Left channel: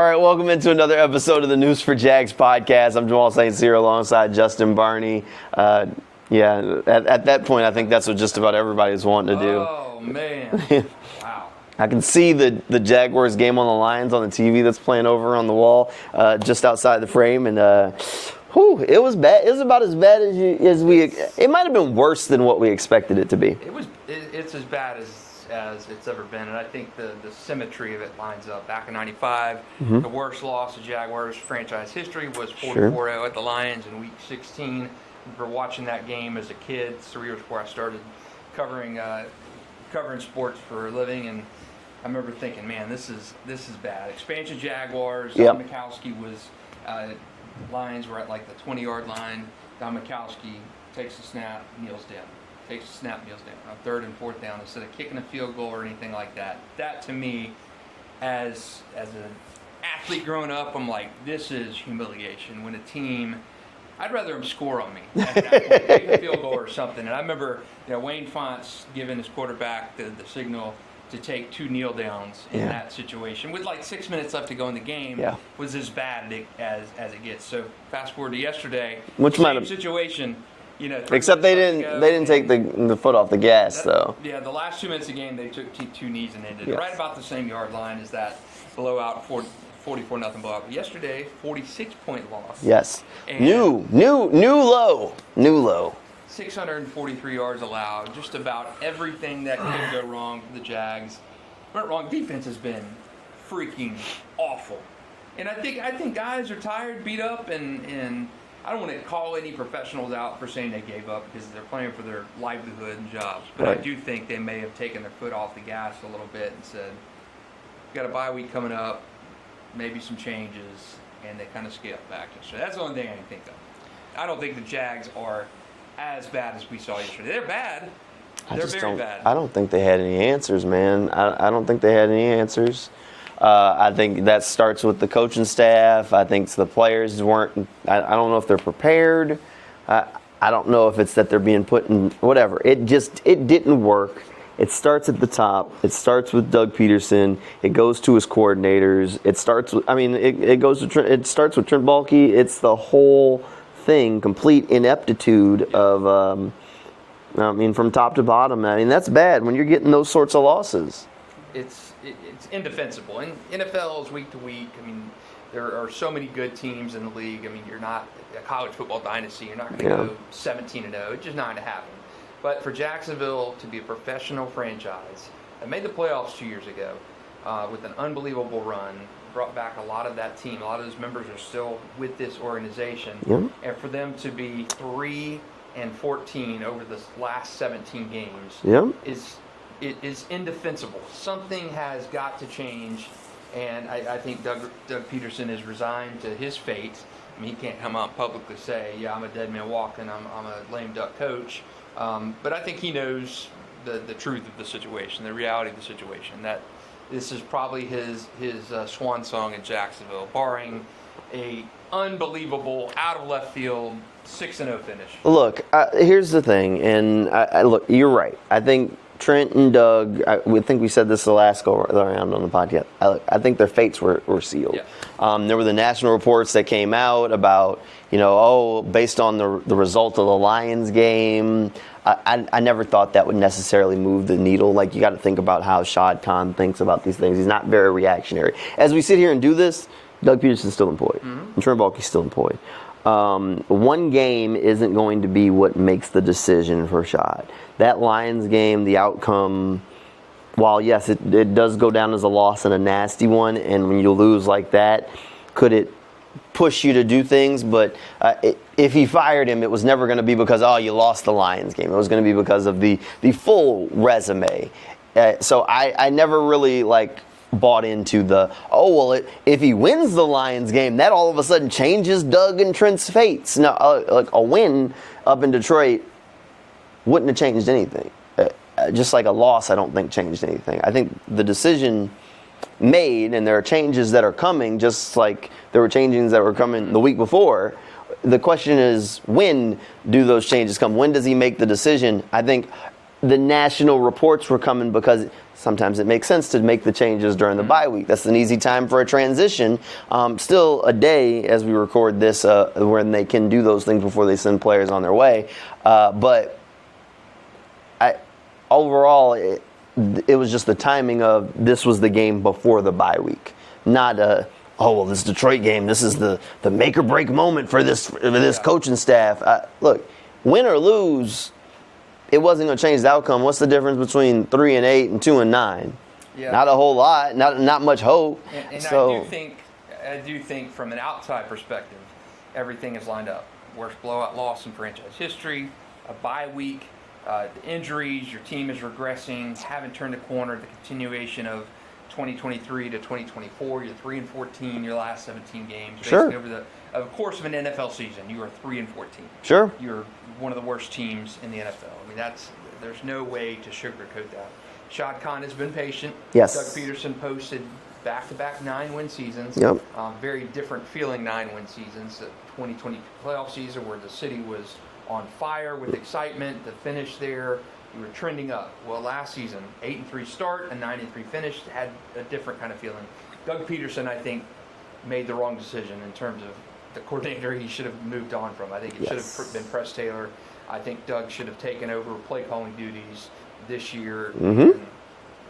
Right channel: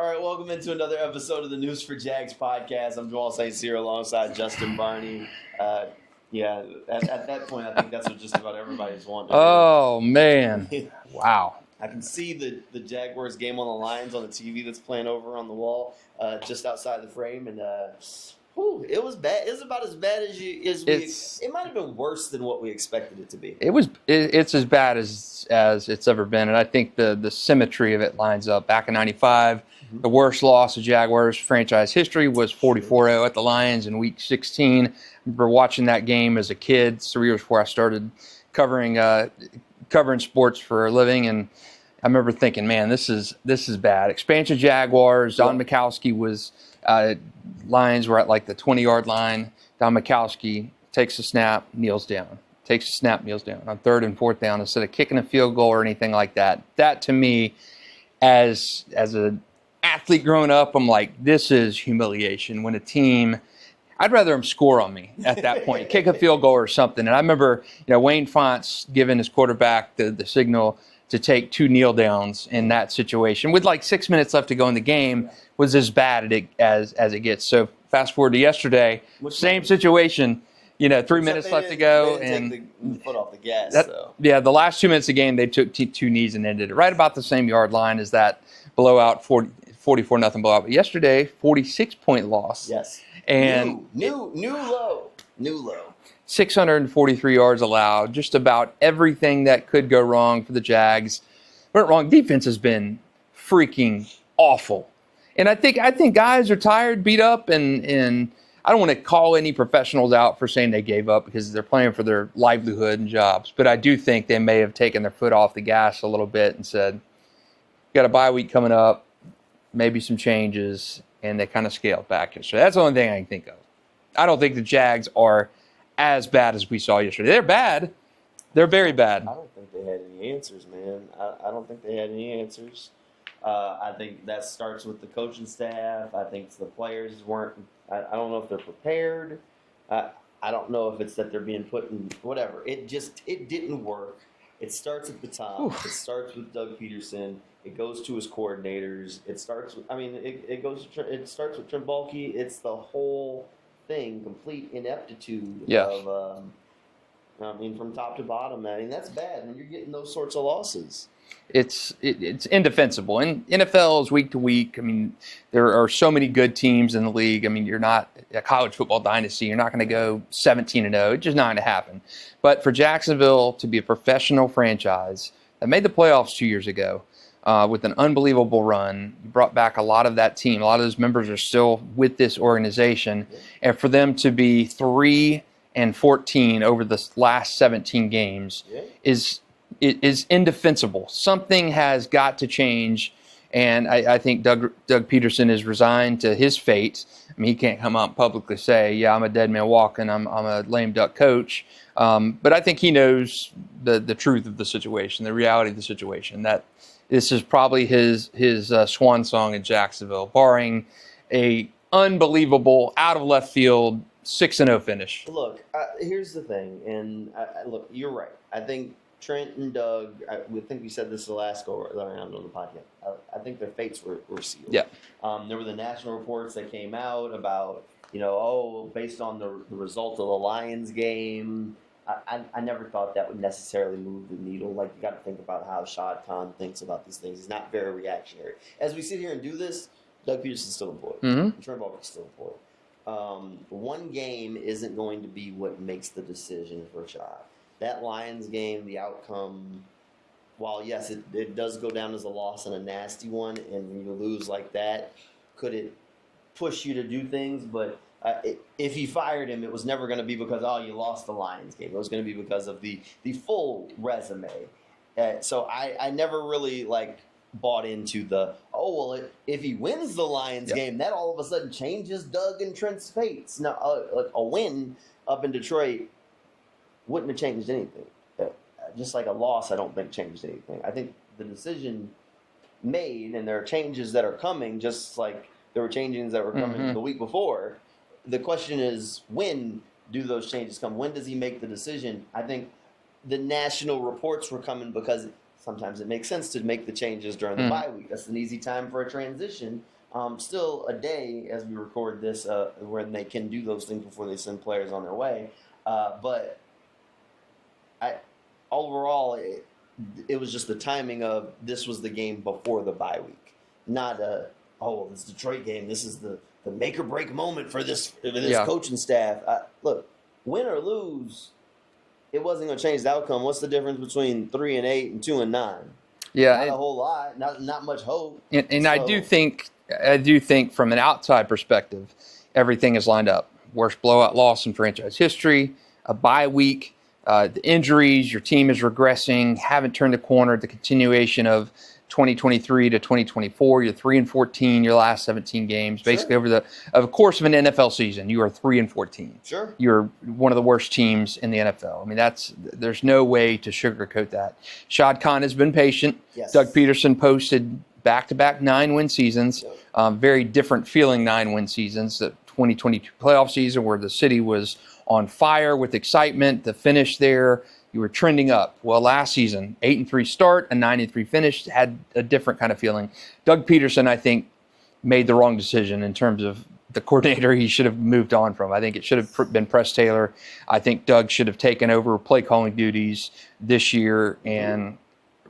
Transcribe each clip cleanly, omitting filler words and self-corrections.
All right, welcome into another episode of the News4JAGs podcast. I'm Jamal St here alongside Justin Barney. At that point, I think that's what just about everybody's wanting to do. Oh, man. Wow. I can see the Jaguars game on the Lions on the TV that's playing over on the wall just outside the frame, and it was bad. It was about as bad as we. It might have been worse than what we expected it to be. It's as bad as it's ever been, and I think the symmetry of it lines up. Back in '95, the worst loss of Jaguars franchise history was 44-0 at the Lions in Week 16. I remember watching that game as a kid, 3 years before I started covering sports for a living, and I remember thinking, man, this is bad. Expansion Jaguars. Don Mikowski was Lions were at like the 20-yard line. Don Mikowski takes a snap, kneels down. Takes a snap, kneels down on 3rd and 4th down instead of kicking a field goal or anything like that. That to me, as an athlete growing up, I'm like, this is humiliation. When a team, I'd rather them score on me at that point, kick a field goal or something. And I remember, Wayne Fontes giving his quarterback the signal to take 2 kneel downs in that situation with like 6 minutes left to go in the game was as bad as it gets. So fast forward to yesterday, same situation. 3 minutes left to go. They didn't take the foot off the gas, though. Yeah, the last 2 minutes of the game, they took 2 knees and ended it right about the same yard line as that blowout, 44-0 blowout. But yesterday, 46-point loss. Yes. And new low. 643 yards allowed. Just about everything that could go wrong for the Jags went wrong. Defense has been freaking awful, and I think guys are tired, beat up, and I don't want to call any professionals out for saying they gave up because they're playing for their livelihood and jobs. But I do think they may have taken their foot off the gas a little bit and said, got a bye week coming up, maybe some changes, and they kind of scaled back yesterday. That's the only thing I can think of. I don't think the Jags are as bad as we saw yesterday. They're bad. They're very bad. I don't think they had any answers, man. I don't think they had any answers. I think that starts with the coaching staff. I think the players weren't. I don't know if they're prepared. I don't know if it's that they're being put in whatever. It didn't work. It starts at the top. It starts with Doug Pederson. It goes to his coordinators. It starts with. It starts with Trent Baalke. It's the whole thing. Complete ineptitude of. From top to bottom. That's bad when you're getting those sorts of losses. It's indefensible. And NFL is week to week. There are so many good teams in the league. You're not a college football dynasty. You're not going to go 17-0. It's just not going to happen. But for Jacksonville to be a professional franchise that made the playoffs 2 years ago with an unbelievable run, brought back a lot of that team. A lot of those members are still with this organization. And for them to be 3-14 over the last 17 games is indefensible. Something has got to change, and I think Doug Pederson is resigned to his fate. He can't come out and publicly say, "Yeah, I'm a dead man walking. I'm a lame duck coach." But I think he knows the truth of the situation, the reality of the situation. That this is probably his swan song in Jacksonville, barring a unbelievable out of left field 6-0 finish. Look, here's the thing, and look, you're right. I think Trent and Doug, we said this the last go around on the podcast. I think their fates were sealed. Yeah. There were the national reports that came out about, based on the result of the Lions game. I never thought that would necessarily move the needle. Like, you got to think about how Shad Khan thinks about these things. He's not very reactionary. As we sit here and do this, Doug Pederson's still employed. And Trent Baalke's still employed. One game isn't going to be what makes the decision for Shad. That Lions game, the outcome, while yes, it does go down as a loss and a nasty one, and when you lose like that, could it push you to do things? But if he fired him, it was never going to be because, you lost the Lions game. It was going to be because of the full resume. So I never really, bought into if he wins the Lions game, that all of a sudden changes Doug and Trent's fates. Now, a win up in Detroit wouldn't have changed anything. Just like a loss, I don't think changed anything. I think the decision made, and there are changes that are coming, just like there were changes that were coming the week before. The question is, when do those changes come? When does he make the decision? I think the national reports were coming because sometimes it makes sense to make the changes during the bye week. That's an easy time for a transition. Still a day as we record this when they can do those things before they send players on their way. But overall, it was just the timing of this was the game before the bye week, not this Detroit game. This is the make or break moment for this coaching staff. Look, win or lose, it wasn't going to change the outcome. What's the difference between 3-8 and 2-9? Yeah, not a whole lot. Not much hope. And so, I do think from an outside perspective, everything is lined up. Worst blowout loss in franchise history, a bye week, the injuries, your team is regressing, haven't turned the corner. The continuation of 2023 to 2024, you're 3-14 your last 17 games. Basically, over the course of an NFL season, you are 3-14. Sure. You're one of the worst teams in the NFL. I mean, there's no way to sugarcoat that. Shad Khan has been patient. Yes. Doug Pederson posted back-to-back 9-win seasons. Yep. Very different feeling 9-win seasons. The 2022 playoff season where the city was on fire with excitement. The finish there, we were trending up. Well, last season, 8-3 start, a 9-3 finish, had a different kind of feeling. Doug Pederson, I think, made the wrong decision in terms of the coordinator he should have moved on from. I think it should have been Press Taylor. I think Doug should have taken over play calling duties this year. And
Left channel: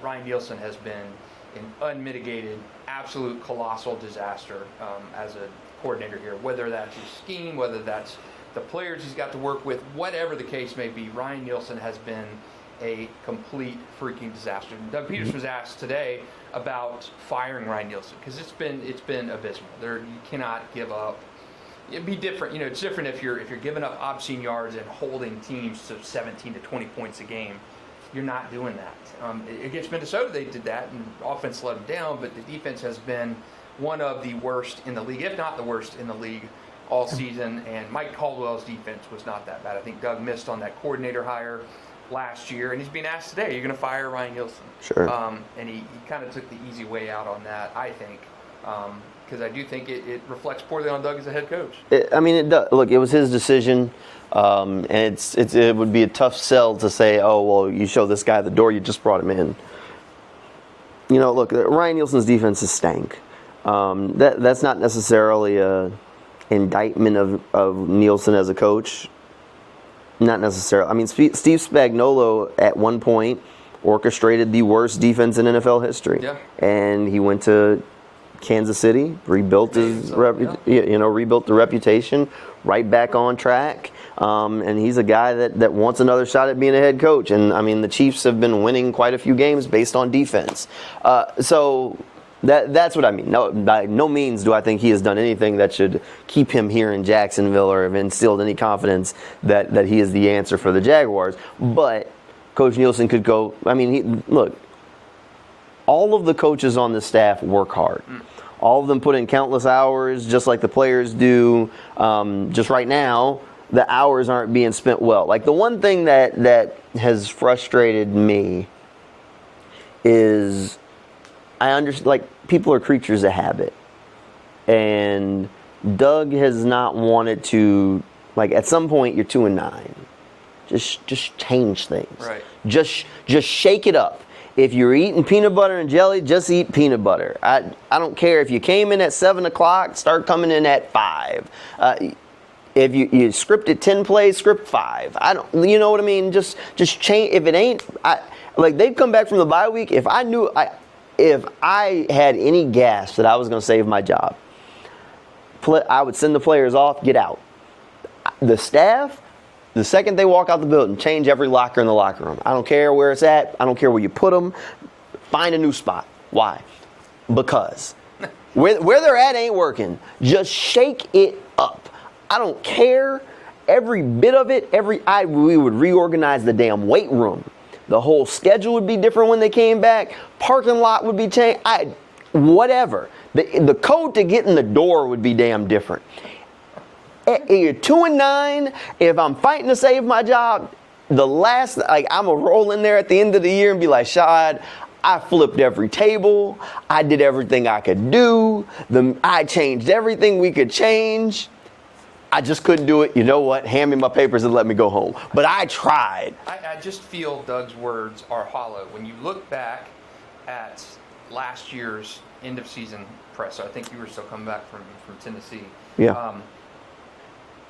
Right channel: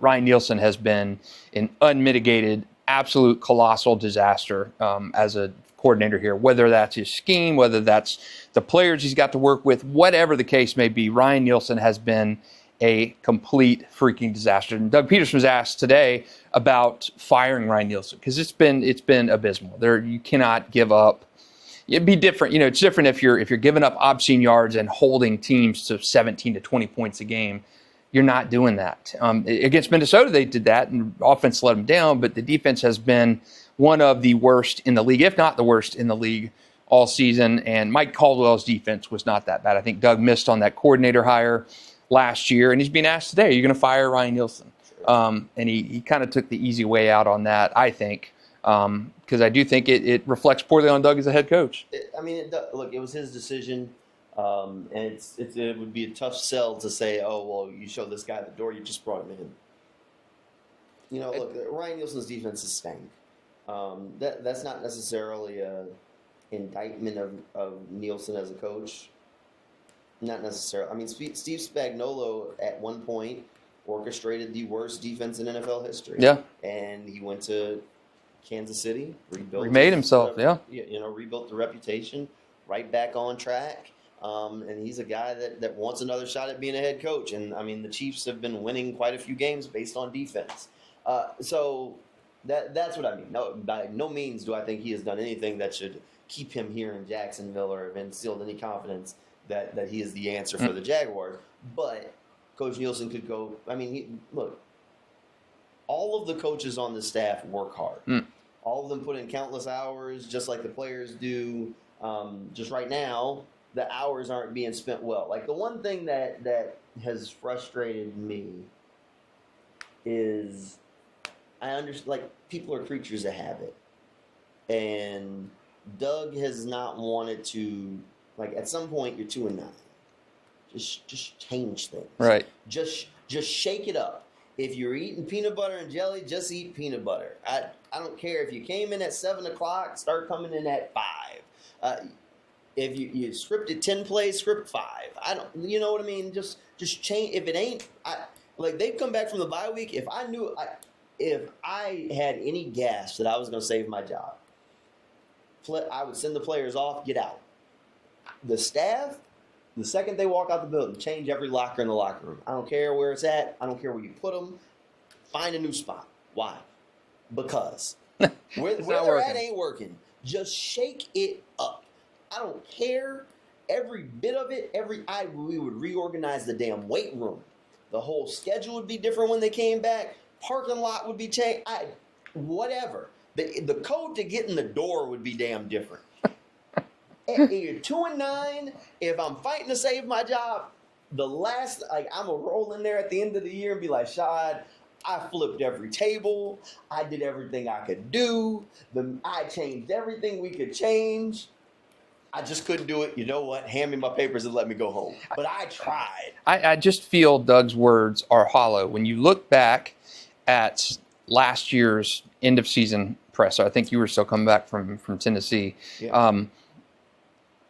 Ryan Nielsen has been an unmitigated, absolute colossal disaster as a coordinator here, whether that's his scheme, whether that's the players he's got to work with, whatever the case may be. Ryan Nielsen has been a complete freaking disaster. And Doug Pederson was asked today about firing Ryan Nielsen because it's been abysmal. You cannot give up. It'd be different, it's different if you're giving up obscene yards and holding teams to 17 to 20 points a game. You're not doing that. Against Minnesota, they did that, and offense let them down, but the defense has been one of the worst in the league, if not the worst in the league all season. And Mike Caldwell's defense was not that bad. I think Doug missed on that coordinator hire last year, and he's being asked today, you're going to fire Ryan Nielsen? Sure. And he kind of took the easy way out on that, I think, because I do think it reflects poorly on Doug as a head coach. It does. Look, it was his decision. And it would be a tough sell to say, oh, well, you show this guy the door, you just brought him in. Look, Ryan Nielsen's defense is stank. That's not necessarily a indictment of Nielsen as a coach. Not necessarily. I mean, Steve Spagnuolo at one point orchestrated the worst defense in NFL history. Yeah. And he went to Kansas City, rebuilt rebuilt the reputation, right back on track. And he's a guy that wants another shot at being a head coach. And, I mean, the Chiefs have been winning quite a few games based on defense. So that's what I mean. No, by no means do I think he has done anything that should keep him here in Jacksonville or have instilled any confidence that he is the answer for the Jaguars. But Coach Nielsen could go, I mean, look, all of the coaches on the staff work hard. All of them put in countless hours, just like the players do. Just right now, the hours aren't being spent well. Like, the one thing that has frustrated me is I understand, like, people are creatures of habit. And Doug has not wanted to, like, at some point you're 2-9. Just change things. Right. Just shake it up. If you're eating peanut butter and jelly, just eat peanut butter. I don't care if you came in at 7 o'clock, start coming in at 5. If you scripted 10 plays, script 5. You know what I mean? Just change. If it ain't, like, they've come back from the bye week. If I had any gas that I was going to save my job, I would send the players off, get out. The staff, the second they walk out the building, change every locker in the locker room. I don't care where it's at. I don't care where you put them. Find a new spot. Why? Because where they're at ain't working. Just shake it up. I don't care. Every bit of it. We would reorganize the damn weight room. The whole schedule would be different when they came back. Parking lot would be changed. Whatever. The code to get in the door would be damn different. You're 2-9. If I'm fighting to save my job, I'm gonna roll in there at the end of the year and be like, Shad, I flipped every table. I did everything I could do. I changed everything we could change. I just couldn't do it. You know what? Hand me my papers and let me go home. But I tried. I just feel Doug's words are hollow. When you look back at last year's end of season presser. I think you were still coming back from Tennessee. Yeah.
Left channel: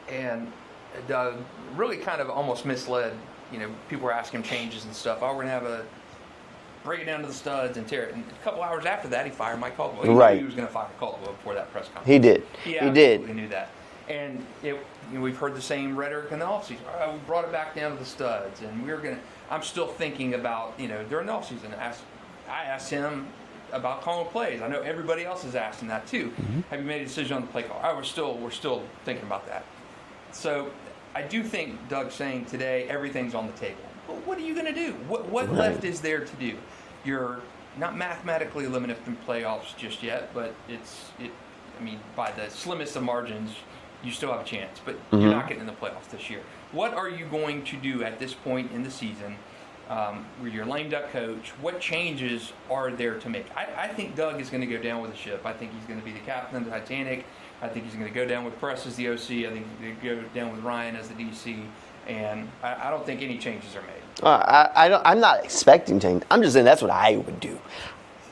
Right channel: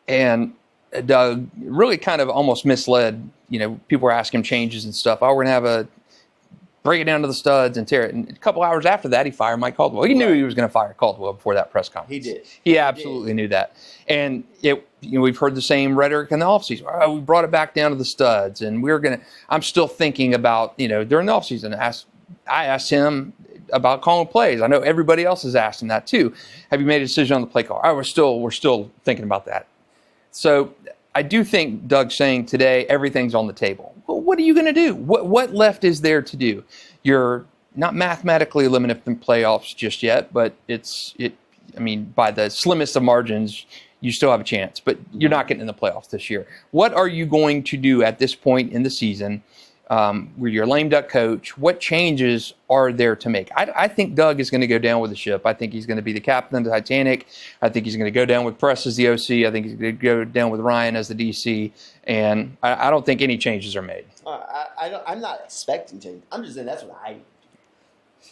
And Doug really kind of almost misled. People were asking him changes and stuff. Oh, we're going to have break it down to the studs and tear it. And a couple hours after that, he fired Mike Caldwell. He knew he was going to fire Caldwell before that press conference. He did. He absolutely knew that. And we've heard the same rhetoric in the offseason. Oh, we brought it back down to the studs, and I'm still thinking about, during the offseason, I asked him about calling plays. I know everybody else is asking that too. Mm-hmm. Have you made a decision on the play call? Oh, we're still thinking about that. So I do think Doug's saying today everything's on the table. Well, what are you going to do? What left is there to do? You're not mathematically eliminated from playoffs just yet, but by the slimmest of margins, you still have a chance, but you're not getting in the playoffs this year. What are you going to do at this point in the season where you're a lame duck coach? What changes are there to make? I think Doug is going to go down with the ship. I think he's going to be the captain of the Titanic. I think he's going to go down with Press as the OC. I think he's going to go down with Ryan as the DC. And I don't think any changes are made. I'm not expecting change. I'm just saying that's what I would do.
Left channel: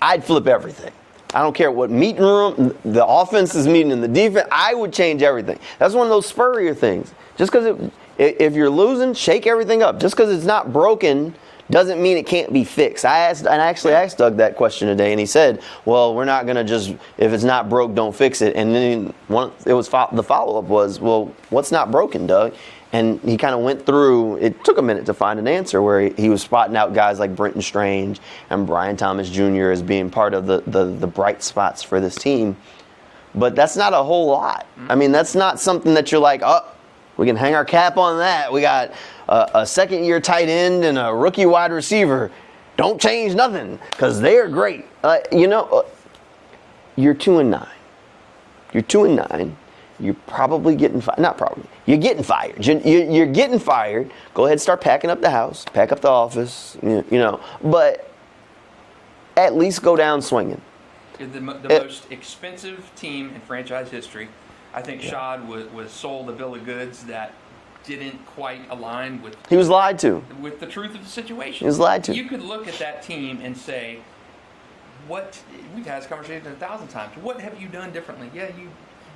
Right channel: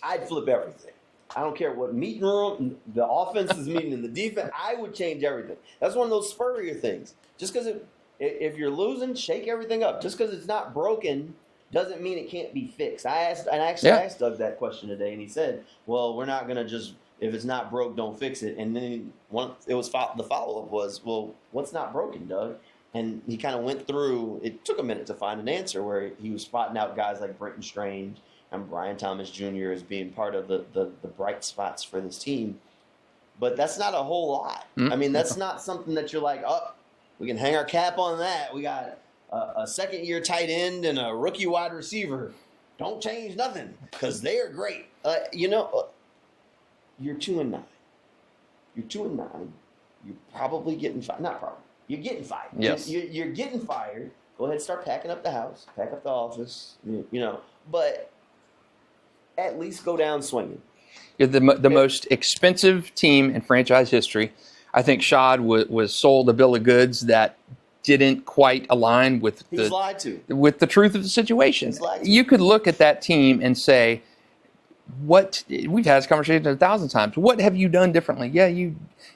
I'd flip everything. I don't care what meeting room, the offense is meeting in the defense. I would change everything. That's one of those Spurrier things. Just because if you're losing, shake everything up. Just because it's not broken doesn't mean it can't be fixed. I actually asked Doug that question today, and he said, well, we're not going to just, if it's not broke, don't fix it. And then the follow-up was, well, what's not broken, Doug? And he kind of went through, it took a minute to find an answer where he was spotting out guys like Brenton Strange and Brian Thomas Jr. as being part of the bright spots for this team. But that's not a whole lot. Mm-hmm. I mean, that's not something that you're like, oh, we can hang our cap on that. We got a second-year tight end and a rookie wide receiver. Don't change nothing because they're great. You're 2-9. You're 2-9. You're probably getting fired. Not probably. You're getting fired. Yes. You're getting fired. Go ahead and start packing up the house, pack up the office, But at least go down swinging. You're the most expensive team in franchise history. I think Shad was sold a bill of goods that didn't quite align with. He was lied to. With the truth of the situation. He was lied to. You could look at that team and say, we've had this conversation 1,000 times. What have you done differently? Yeah, you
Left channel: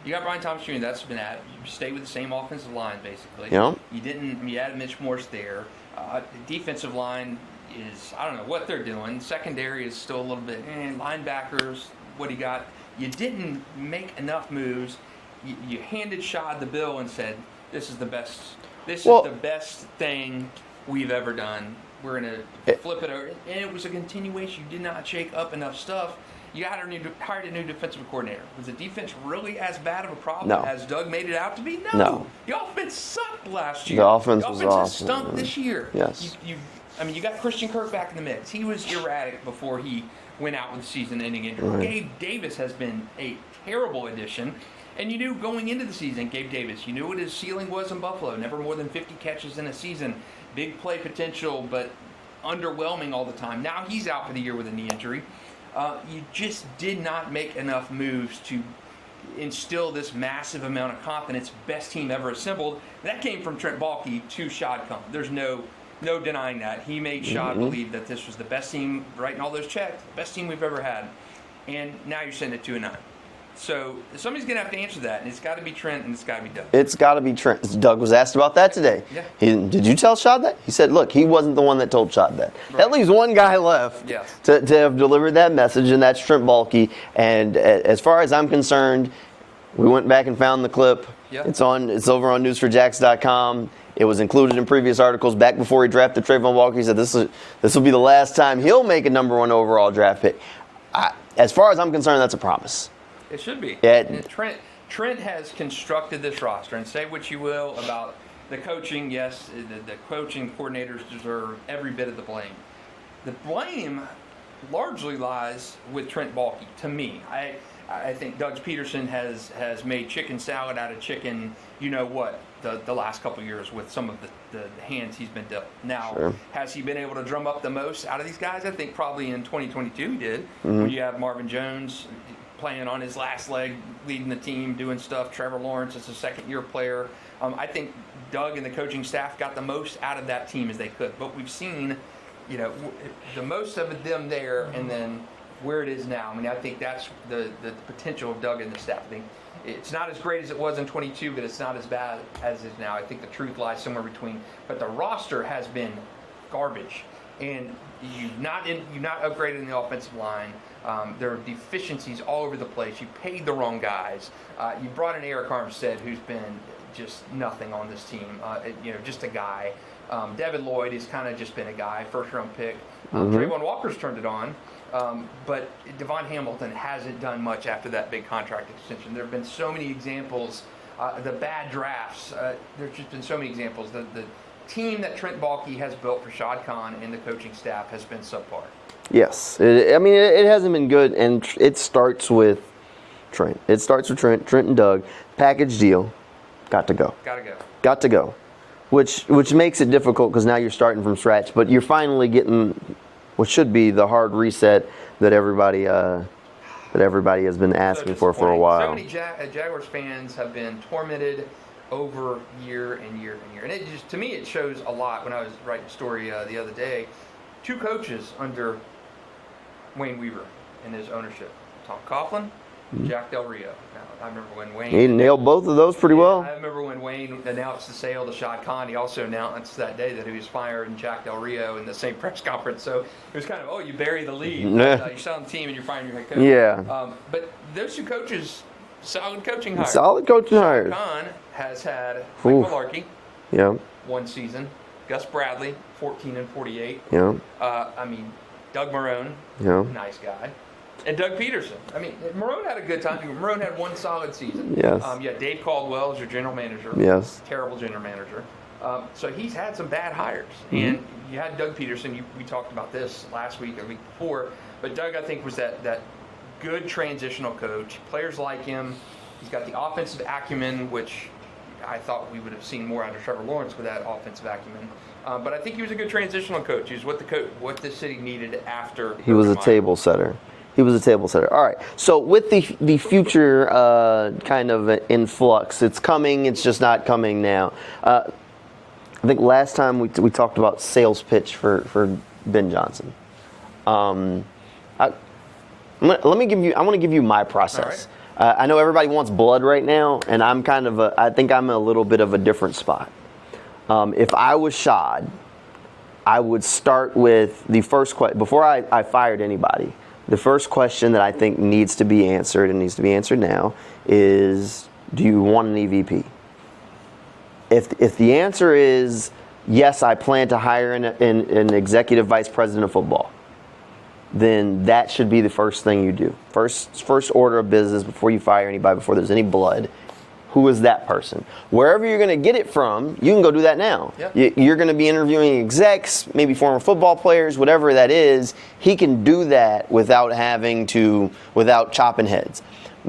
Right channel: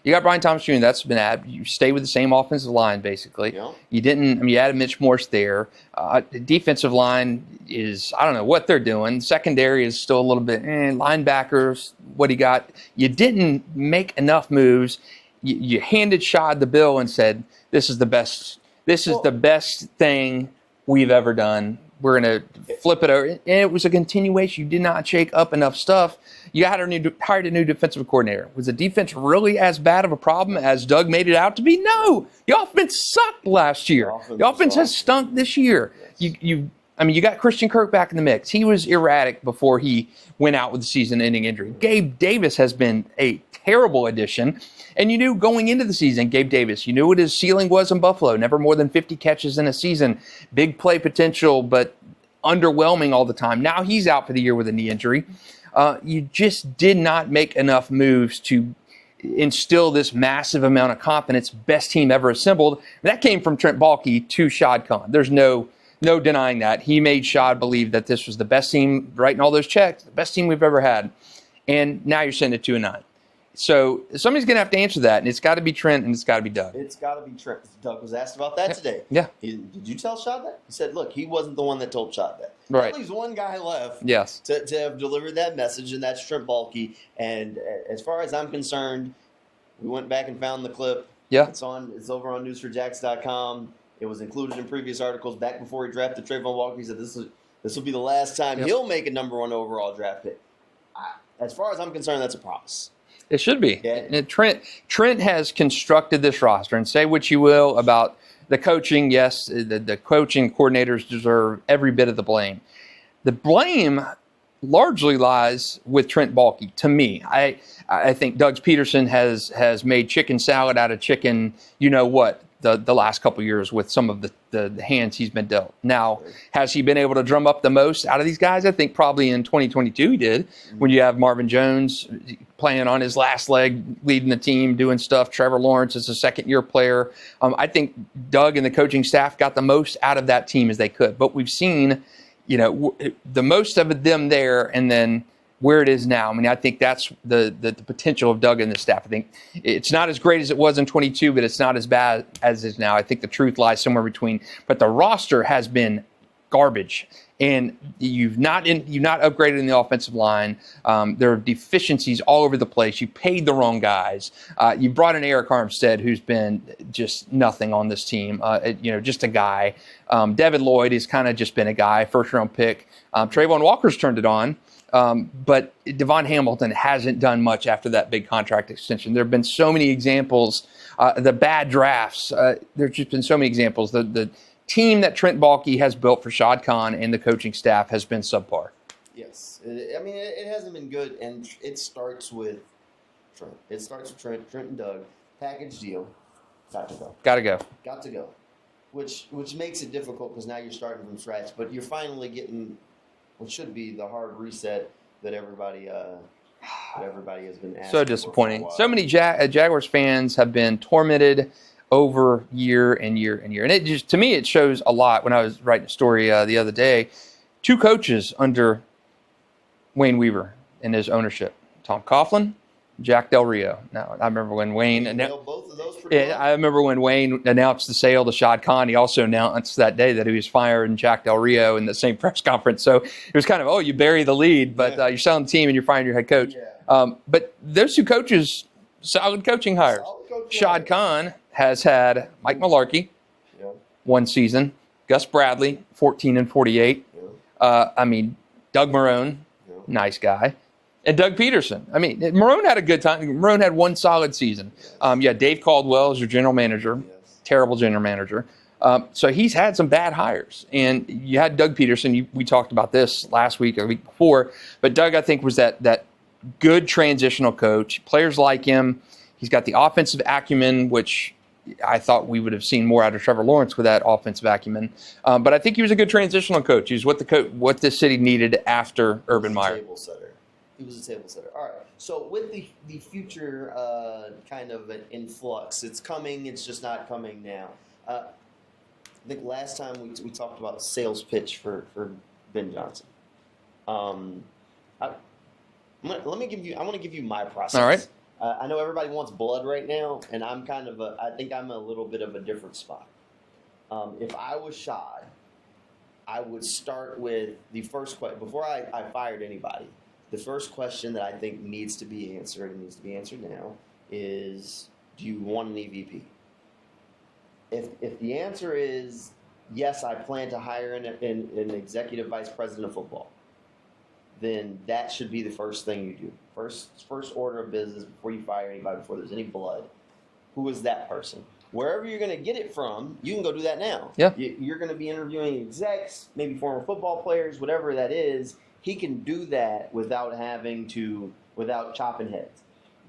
got Brian Thomas Jr. That's been added. You stay with the same offensive line, basically. Yeah. You added Mitch Morse there. The defensive line is, I don't know what they're doing. Secondary is still a little bit, linebackers, what he got. You didn't make enough moves. You handed Shad the bill and said, this is the best thing we've ever done. We're going to flip it over. And it was a continuation. You did not shake up enough stuff. You hired a new defensive coordinator. Was the defense really as bad of a problem as Doug made it out to be? No. The offense sucked last year. The offense has stunk this year. Yes. You got Christian Kirk back in the mix. He was erratic before he went out with the season-ending injury. Right. Gabe Davis has been a terrible addition. And you knew going into the season, Gabe Davis, you knew what his ceiling was in Buffalo. Never more than 50 catches in a season. Big play potential, but underwhelming all the time. Now he's out for the year with a knee injury. You just did not make enough moves to instill this massive amount of confidence. Best team ever assembled. That came from Trent Baalke to Shad Khan. There's no denying that. He made Shad believe that this was the best team, writing all those checks, the best team we've ever had. And now you're sitting at 2-9. So somebody's going to have to answer that, and it's got to be Trent and it's got to be Doug. It's got to be Trent. Doug was asked about that today. Yeah. Did you tell Shad that? He said, look, he wasn't the one that told Shad that. Right. That leaves one guy left to have delivered that message, and that's Trent Baalke. And as far as I'm concerned, we went back and found the clip. Yeah. It's over on News4JAGs.com. It was included in previous articles back before he drafted Trayvon Walker. He said this will be the last time he'll make a number 1 overall draft pick. As far as I'm concerned, that's a promise. It should be. Yeah. Trent has constructed this roster, and say what you will about the coaching. Yes, the coaching coordinators deserve every bit of the blame. The blame largely lies with Trent Baalke. To me, I think Doug Pederson has made chicken salad out of chicken. You know what? The last couple of years with some of the hands he's been dealt. Now, has he been able to drum up the most out of these guys? I think probably in 2022 he did. When you have Marvin Jones playing on his last leg, leading the team, doing stuff. Trevor Lawrence is a second-year player. I think Doug and the coaching staff got the most out of that team as they could. But we've seen the most of them there, and then where it is now. I mean, I think that's the potential of Doug and the staff. I think it's not as great as it was in 22, but it's not as bad as it is now. I think the truth lies somewhere between. But the roster has been garbage, and you've not upgraded in the offensive line. There are deficiencies all over the place. You paid the wrong guys. You brought in Eric Armstead, who's been just nothing on this team. Just a guy. Devin Lloyd has kind of just been a guy, first-round pick. Trayvon Walker's turned it on. But Devon Hamilton hasn't done much after that big contract extension. There have been so many examples. The bad drafts. There's just been so many examples. The team that Trent Baalke has built for Shad Khan and the coaching staff has been subpar. Yes. It hasn't been good, and it starts with Trent. It starts with Trent and Doug. Package deal. Got to go. Got to go. Which makes it difficult because now you're starting from scratch, but you're finally getting what should be the hard reset that everybody has been asking for a while. So many Jaguars fans have been tormented over year and year and year. And it just, to me, it shows a lot. When I was writing a story the other day, 2 coaches under Wayne Weaver in his ownership, Tom Coughlin, Jack Del Rio. Now, I remember when Wayne... He nailed both of those pretty well. I remember when Wayne announced the sale to Shad Khan, he also announced that day that he was firing Jack Del Rio in the same press conference. So it was kind of, you bury the lead, but you're selling the team and you're firing your head coach. Yeah. But those 2 coaches, solid coaching hires. Shad Khan has had Mike Mularkey, 1 season. Gus Bradley, 14 and 48. Yeah. Doug Marrone, nice guy. And Doug Pederson. Marrone had a good time. Marrone had 1 solid season. Yes. Dave Caldwell is your general manager. Yes. Terrible general manager. So he's had some bad hires. And you had Doug Pederson. We talked about this last week or the week before. But Doug, I think, was that good transitional coach. Players like him. He's got the offensive acumen, which I thought we would have seen more out of Trevor Lawrence with that offensive acumen. But I think he was a good transitional coach. He was what this city needed after He was a table setter. All right. So with the future kind of influx, it's coming. It's just not coming now. I think last time we talked about sales pitch for Ben Johnson. I want to give you my process. All right. I know everybody wants blood right now, and I think I'm a little bit of a different spot. If I was Shad, I would start with the first question before I fired anybody. The first question that I think needs to be answered, and needs to be answered now, is, do you want an EVP? If the answer is yes, I plan to hire an executive vice president of football, then that should be the first thing you do. First order of business before you fire anybody, before there's any blood. Who is that person? Wherever you're going to get it from, you can go do that now. Yeah. You're going to be interviewing execs, maybe former football players, whatever that is. He can do that without chopping heads,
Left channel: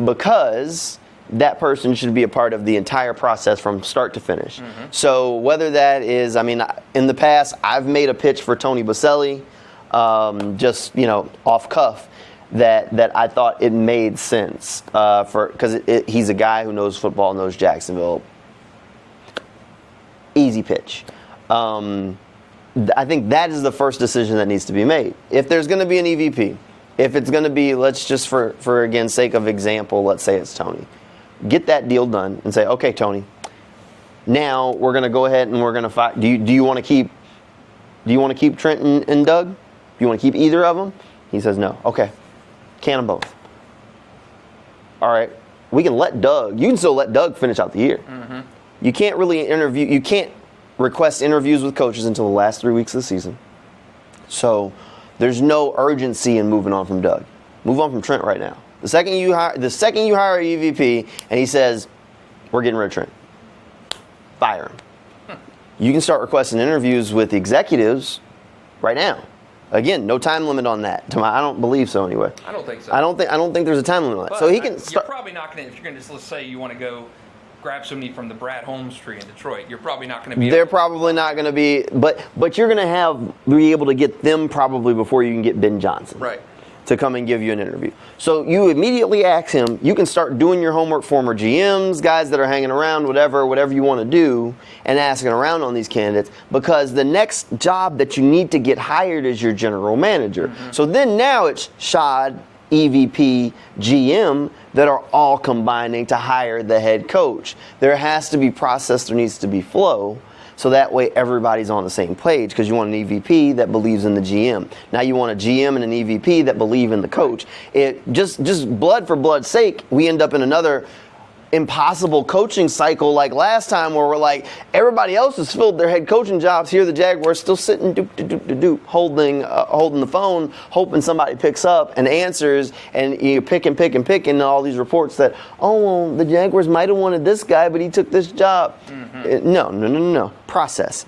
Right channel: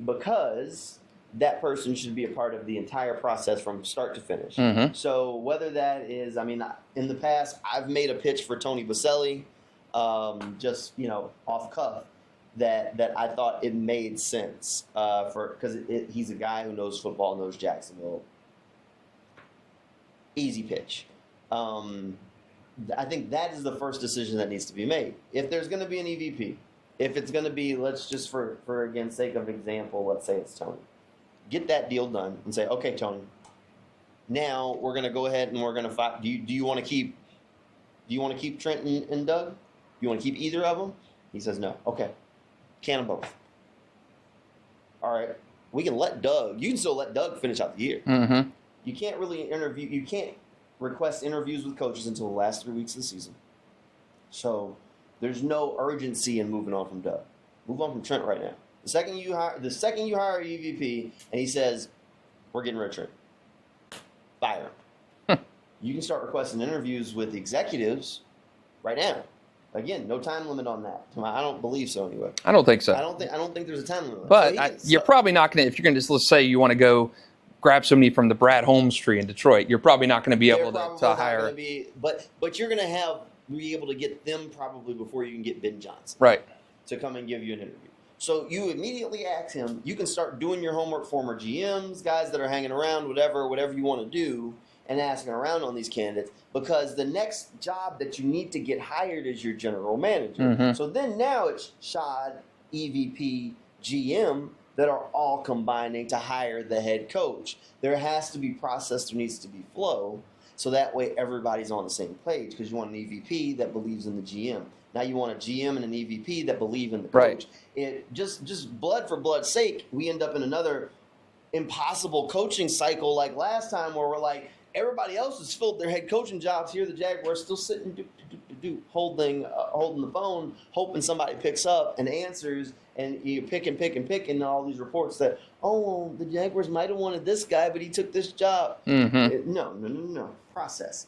because that person should be a part of the entire process from start to finish. So whether that is, in the past, I've made a pitch for Tony Boselli, just off cuff. That I thought it made sense because he's a guy who knows football, knows Jacksonville. Easy pitch. I think that is the first decision that needs to be made. If there's going to be an EVP, if it's going to be, let's just for again sake of example, let's say it's Tony. Get that deal done and say, okay, Tony. Now we're going to go ahead and we're going to fight. Do you want to keep Trent and Doug? Do you want to keep either of them? He says no. Okay. Can them both. All right. You can still let Doug finish out the year. You can't really you can't request interviews with coaches until the last 3 weeks of the season. So there's no urgency in moving on from Doug. Move on from Trent right now. The second you hire a EVP and he says, we're getting rid of Trent, fire him. You can start requesting interviews with the executives right now. Again, no time limit on that. I don't believe so anyway. I don't think so. I don't think there's a time limit on that. So you're probably not going to, if you're going to, let's say you want to go grab somebody from the Brad Holmes tree in Detroit, you're probably not going to be able to. They're probably not going to be, but you're going to be able to get them probably before you can get Ben Johnson. Right. to come and give you an interview. So you immediately ask him, you can start doing your homework, former GMs, guys that are hanging around, whatever you want to do, and asking around on these candidates, because the next job that you need to get hired is your general manager. So then now it's Shad, EVP, GM that are all combining to hire the head coach. There has to be process, there needs to be flow. So that way everybody's on the same page, because you want an EVP that believes in the GM. Now you want a GM and an EVP that believe in the coach. Right. It just blood for blood's sake, we end up in another impossible coaching cycle like last time, where we're like, everybody else has filled their head coaching jobs. Here the Jaguars still sitting holding the phone, hoping somebody picks up and answers, and you pick and all these reports that, oh, well, the Jaguars might have wanted this guy, but he took this job. No. Process.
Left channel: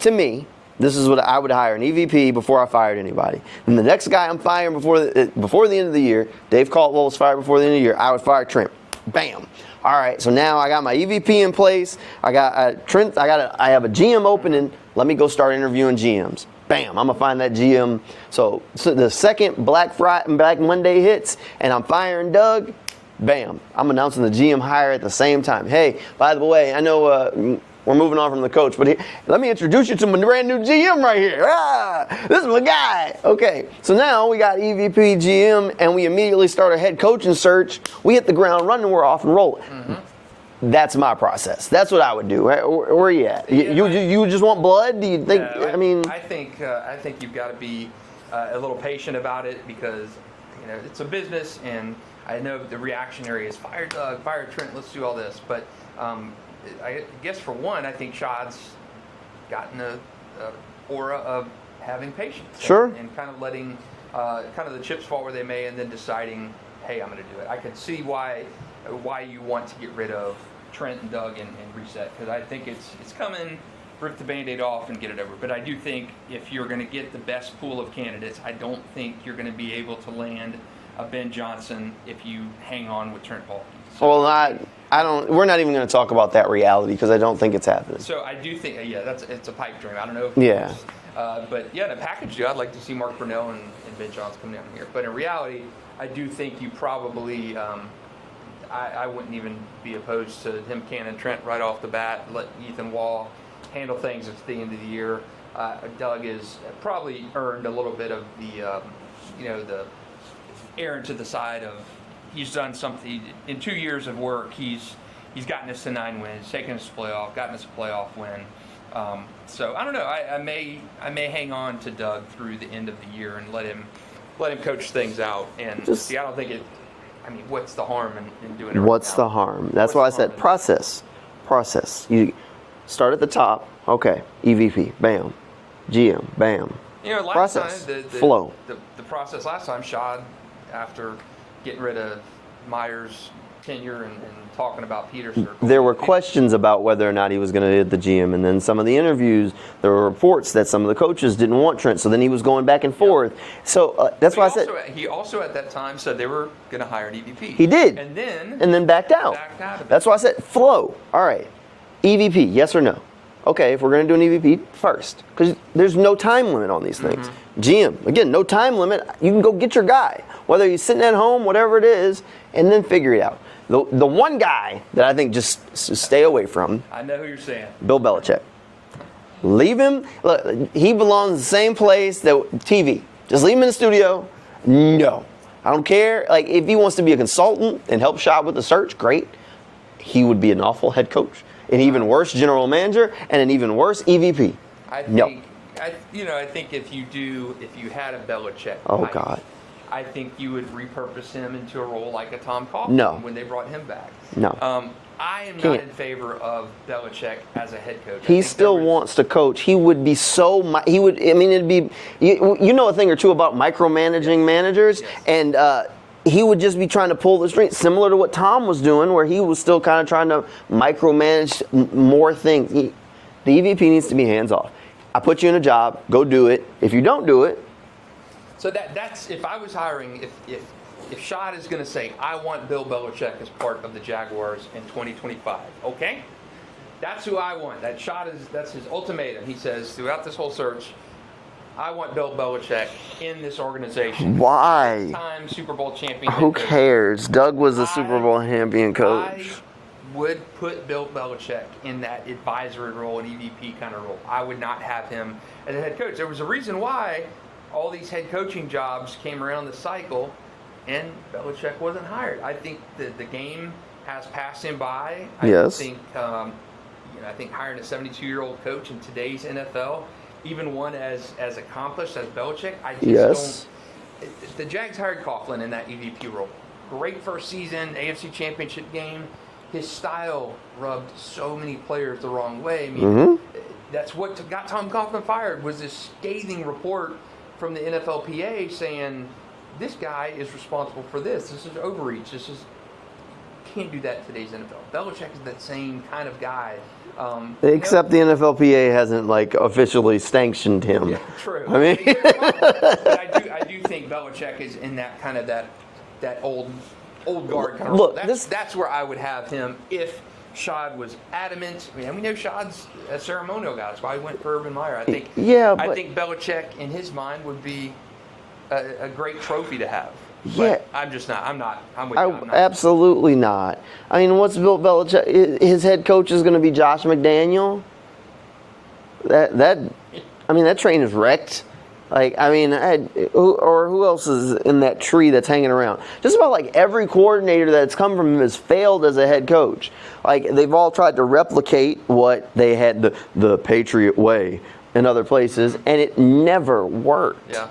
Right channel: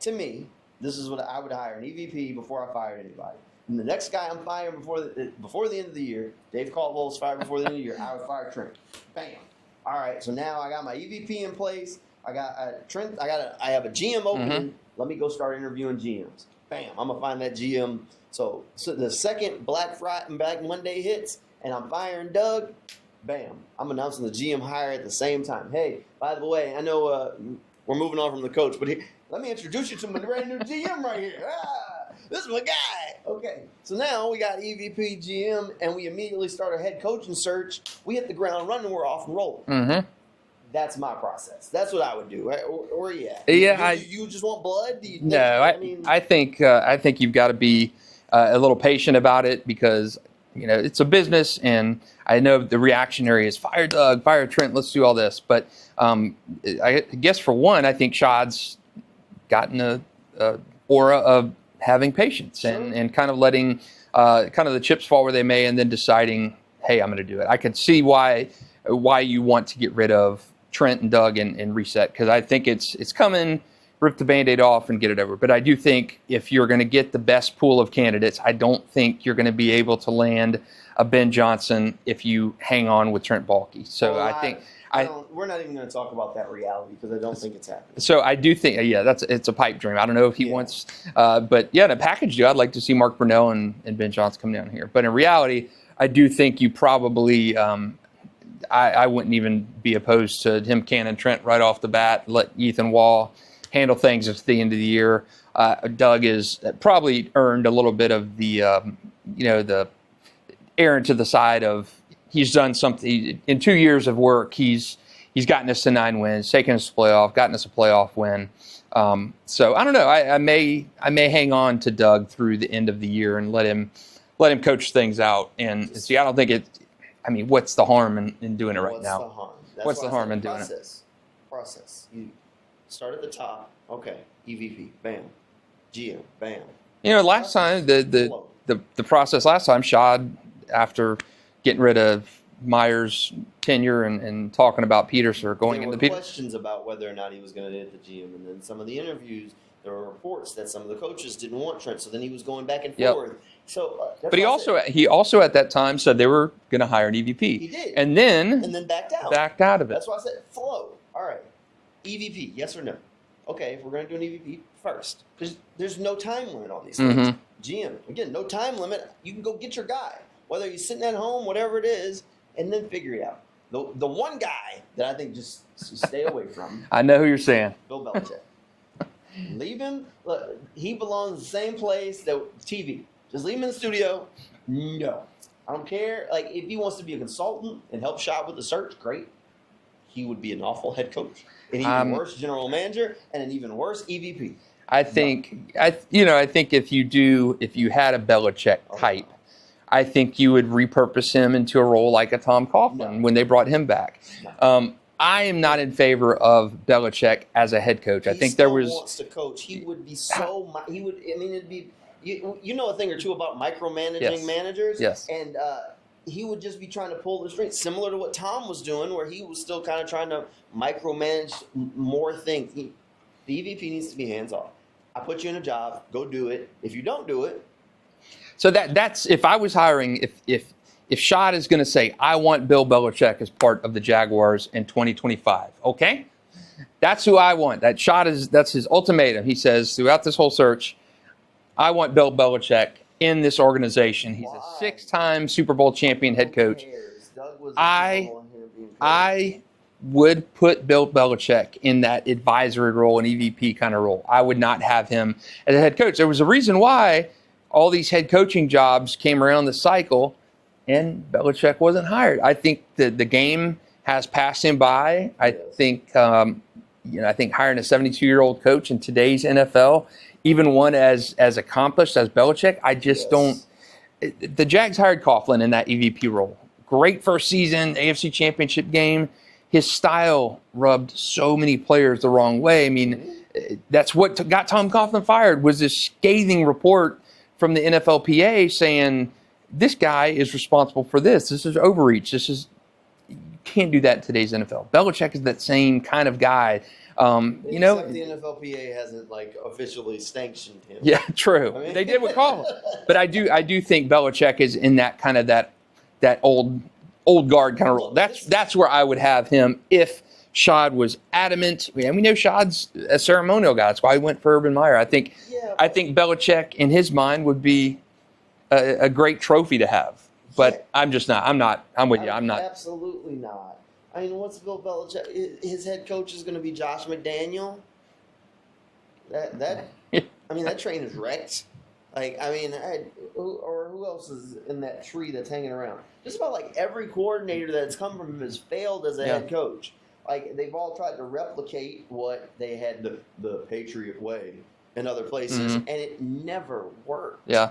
To me, this is what I would hire: an EVP before I fired anybody. And the next guy I'm firing before the end of the year, Dave Caldwell was fired before the end of the year, I would fire Trent. Bam. All right, so now I got my EVP in place. I got Trent. I have a GM opening. Let me go start interviewing GMs. Bam. I'm gonna find that GM. So the second Black Friday and Black Monday hits, and I'm firing Doug. Bam. I'm announcing the GM hire at the same time. Hey, by the way, I know we're moving on from the coach, but let me introduce you to my brand new GM right here. This is my guy. Okay, so now we got EVP, GM, and we immediately start a head coaching search. We hit the ground running, we're off and rolling. That's my process. That's what I would do. Where are you at? You just want blood? Do you think? No, I think you've got to be a little patient about it, because it's a business, and I know the reactionary is fire Doug, fire Trent, let's do all this. But I guess for one, I think Shad's gotten a aura of having patience and kind of letting kind of the chips fall where they may, and then deciding, hey, I'm going to do it. I could see why you want to get rid of Trent and Doug and reset, because I think it's coming. Rip the Band-Aid off and get it over. But I do think if you're going to get the best pool of candidates, I don't think you're going to be able to land a Ben Johnson if you hang on with Trent Baalke. So we're not even going to talk about that reality, because I don't think it's happening. So I do think, it's a pipe dream. I don't know if he wants, but in a package deal, I'd like to see Mark Brunell and Ben Johnson come down here. But in reality, I do think you probably, I wouldn't even be opposed to him canning Trent right off the bat. Let Ethan Wall handle things at the end of the year. Doug is probably earned a little bit of the, the errant to the side of, he's done something in 2 years of work. He's gotten us to 9 wins, taken us to playoff, gotten us a playoff win. So I don't know. I may hang on to Doug through the end of the year and let him coach things out. And I don't think it. I mean, what's the harm in doing it right now? What's the harm? That's why I said process. You start at the top. Okay, EVP, bam. GM, bam. Last process. time Flow. the process last time, Shad, after getting rid of Myers' tenure and talking about Pederson. There were questions about whether or not he was going to hit the GM, and then some of the interviews, there were reports that some of the coaches didn't want Trent, so then he was going back and forth. So that's why I said. He also at that time said they were going to hire an EVP. He did. And then backed out. Backed out of it. That's why I said flow. All right. EVP, yes or no? Okay, if we're going to do an EVP, first, because there's no time limit on these things. GM, again, no time limit. You can go get your guy, whether he's sitting at home, whatever it is, and then figure it out. The one guy that I think just stay away from. I know who you're saying. Bill Belichick. Leave him. Look, he belongs in the same place that TV. Just leave him in the studio. No, I don't care. Like, if he wants to be a consultant and help Shad with the search, great. He would be an awful head coach, an even worse general manager, and an even worse EVP. I think, I think if you had a Belichick type, God. I think you would repurpose him into a role like a Tom Coughlin when they brought him back. No. I am not in favor of Belichick as a head coach. He still wants to coach. He would be so. He would. I mean, it'd be. You know a thing or two about micromanaging managers, and he would just be trying to pull the strings, similar to what Tom was doing, where he was still kind of trying to micromanage more things. The EVP needs to be hands off. I put you in a job. Go do it. If you don't do it. So that's if I was hiring, if Shad is going to say, I want Bill Belichick as part of the Jaguars in 2025, okay? That's who I want. That's his ultimatum. He says throughout this whole search, I want Bill Belichick in this organization. Why? 6-time Super Bowl champion head Who coach. cares? Doug was a Super Bowl champion coach. I would put Bill Belichick in that advisory role, an EVP kind of role. I would not have him as a head coach. There was a reason why all these head coaching jobs came around the cycle, and Belichick wasn't hired. I think the game has passed him by. I think I think hiring a 72-year-old coach in today's NFL, even one as accomplished as Belichick, I just don't. The Jags hired Coughlin in that EVP role. Great first season, AFC Championship game. His style rubbed so many players the wrong way. I mean, that's what got Tom Coughlin fired, was this scathing report from the NFLPA saying, this guy is responsible for this. This is overreach. You can't do that in today's NFL. Belichick is that same kind of guy. Except the NFLPA hasn't officially sanctioned him. Yeah, true. I mean, they did with Coughlin. But I do think Belichick is in that kind of that old guard kind of role. That's where I would have him if Shad was adamant. And we know Shad's a ceremonial guy. That's why he went for Urban Meyer. I think Belichick in his mind would be a great trophy to have. But I'm just not. I'm with you. I'm not. Absolutely not. I mean, what's Bill Belichick? His head coach is going to be Josh McDaniel. That train is wrecked. Who else is in that tree that's hanging around? Just about every coordinator that's come from him has failed as a head coach. They've all tried to replicate what they had the Patriot way in other places, and it never worked. Yeah.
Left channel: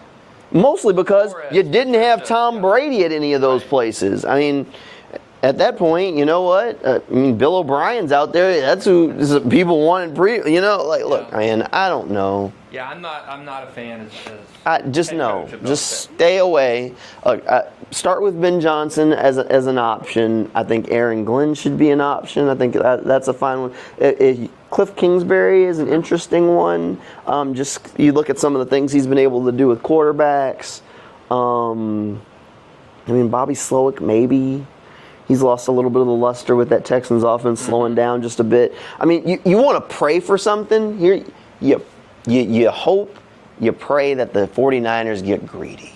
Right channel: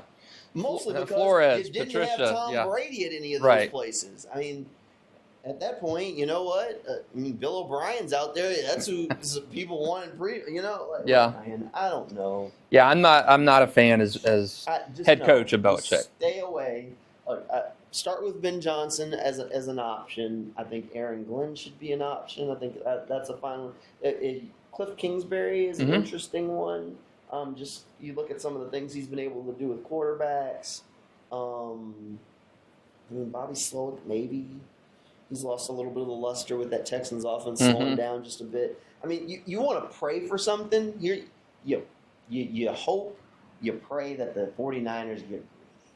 Mostly because you didn't have Tom Brady at any of those places. I mean, at that point, you know what? Bill O'Brien's out there. That's who people wanted. Look, man, I don't know. Yeah, I'm not a fan as head coach of Belichick. Just stay away. Look, start with Ben Johnson as an option. I think Aaron Glenn should be an option. I think that's a fine one. Cliff Kingsbury is an interesting one. Just you look at some of the things he's been able to do with quarterbacks. Bobby Slowick, maybe. He's lost a little bit of the luster with that Texans offense slowing down just a bit. I mean, you want to pray for something. You hope, you pray that the 49ers get greedy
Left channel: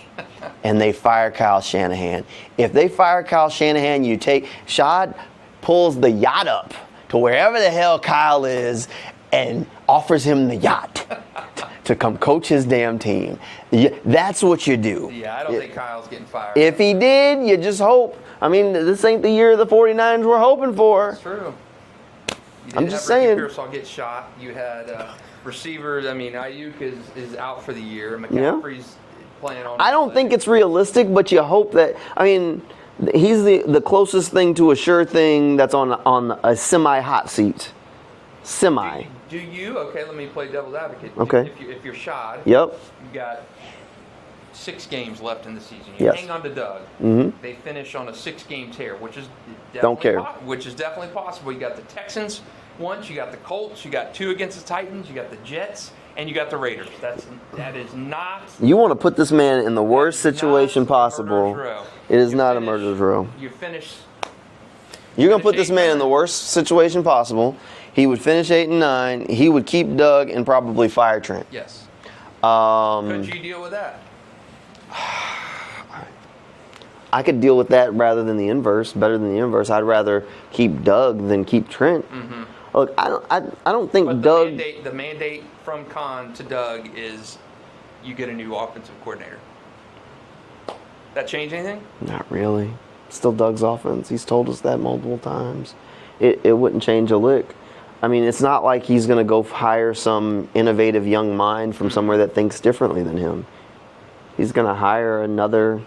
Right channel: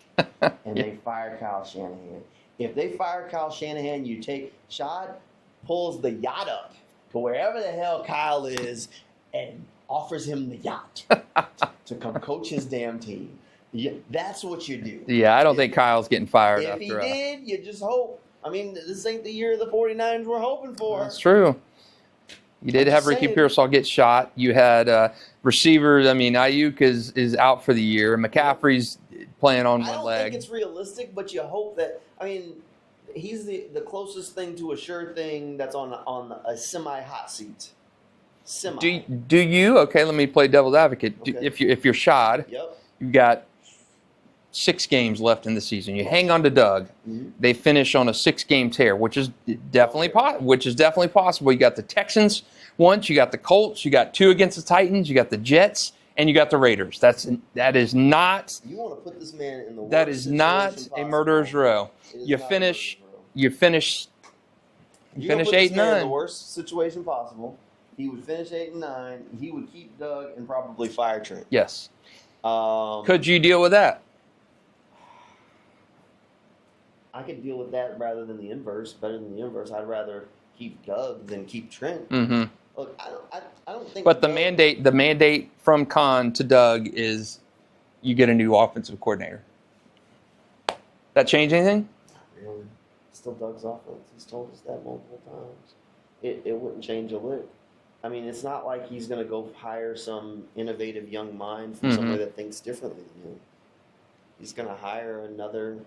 and they fire Kyle Shanahan. If they fire Kyle Shanahan, Shad pulls the yacht up to wherever the hell Kyle is and offers him the yacht to come coach his damn team. That's what you do. Yeah, I don't think Kyle's getting fired. If he did, you just hope. I mean, this ain't the year the 49ers were hoping for. That's true. You did have Ricky Pearsall get shot. You had receivers. I mean, Ayuk is out for the year. McCaffrey's playing on. I don't think it's realistic, but you hope that. I mean, he's the closest thing to a sure thing that's on a semi-hot seat. Do you? Okay, let me play devil's advocate. Okay. If you're Shad, you got 6 games left in the season. You hang on to Doug. They finish on a 6-game tear, which is definitely possible. You got the Texans once, you got the Colts, you got 2 against the Titans, you got the Jets, and you got the Raiders. That is not. You want to put this man in the worst situation possible. A murderer's row. It is not a murderer's row. You finish. You're gonna put this man in the worst situation possible. He would finish 8-9. He would keep Doug and probably fire Trent. Yes. Could you deal with that? I could deal with that rather than the inverse, better than the inverse. I'd rather keep Doug than keep Trent. Look, I don't think. But the mandate from Khan to Doug is you get a new offensive coordinator. That change anything? Not really. Still Doug's offense. He's told us that multiple times. It wouldn't change a lick. I mean, it's not like he's going to go hire some innovative young mind from somewhere that thinks differently than him. He's going to hire another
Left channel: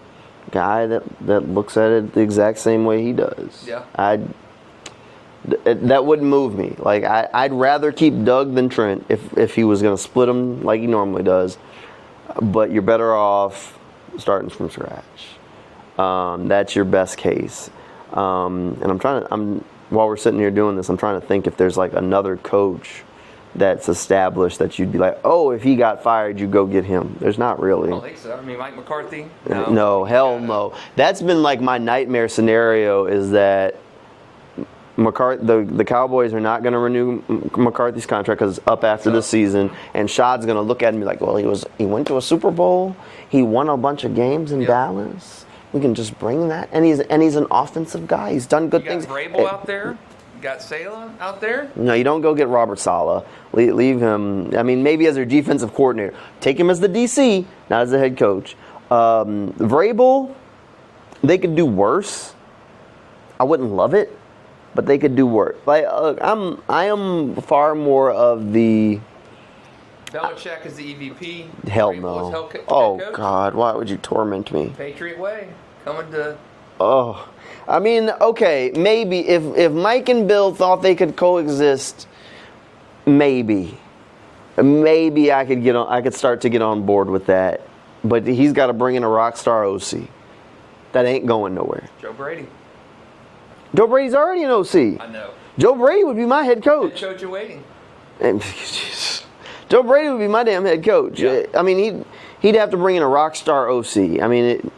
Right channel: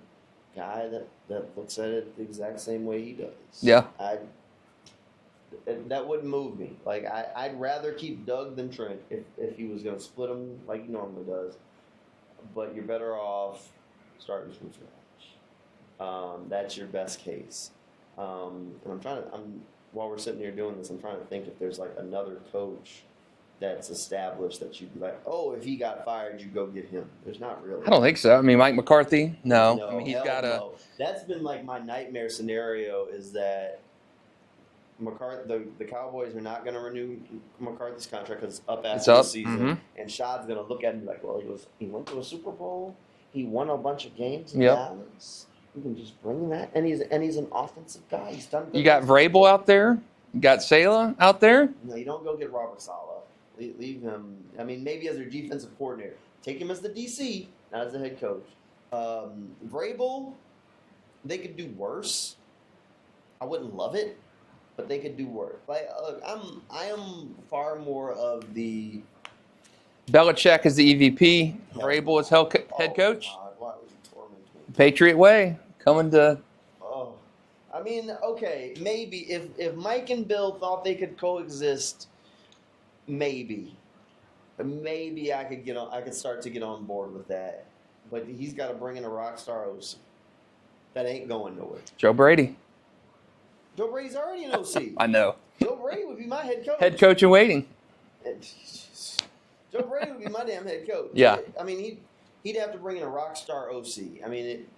guy that looks at it the exact same way he does. Yeah. That wouldn't move me. I'd rather keep Doug than Trent if he was going to split them like he normally does. But you're better off starting from scratch. That's your best case. And while we're sitting here doing this, I'm trying to think if there's another coach that's established that you'd be like, oh, if he got fired, you go get him. There's not really. I don't think so. I mean, Mike McCarthy? No. No, hell no. That's been my nightmare scenario is that the Cowboys are not going to renew McCarthy's contract because it's up after the season, and Shad's going to look at him and be like, well, he went to a Super Bowl, he won a bunch of games in Dallas. We can just bring that, and he's an offensive guy. He's done good things. You got Vrabel out there. You got Saleh out there. No, you don't go get Robert Saleh. Leave him. I mean, maybe as their defensive coordinator. Take him as the DC, not as the head coach. Vrabel, they could do worse. I wouldn't love it, but they could do worse. Like, I am far more of the. Belichick is the EVP. Hell Vrabel no. is head coach. Oh God, why would you torment me? Patriot way, coming to. Oh, I mean, okay, maybe if Mike and Bill thought they could coexist, maybe I could start to get on board with that. But he's got to bring in a rock star OC. That ain't going nowhere. Joe Brady. Joe Brady's already an OC. I know. Joe Brady would be my head coach. Head coach in waiting. Joe Brady would be my damn head coach. Yeah. I mean, he'd have to bring in a rock star OC. I mean,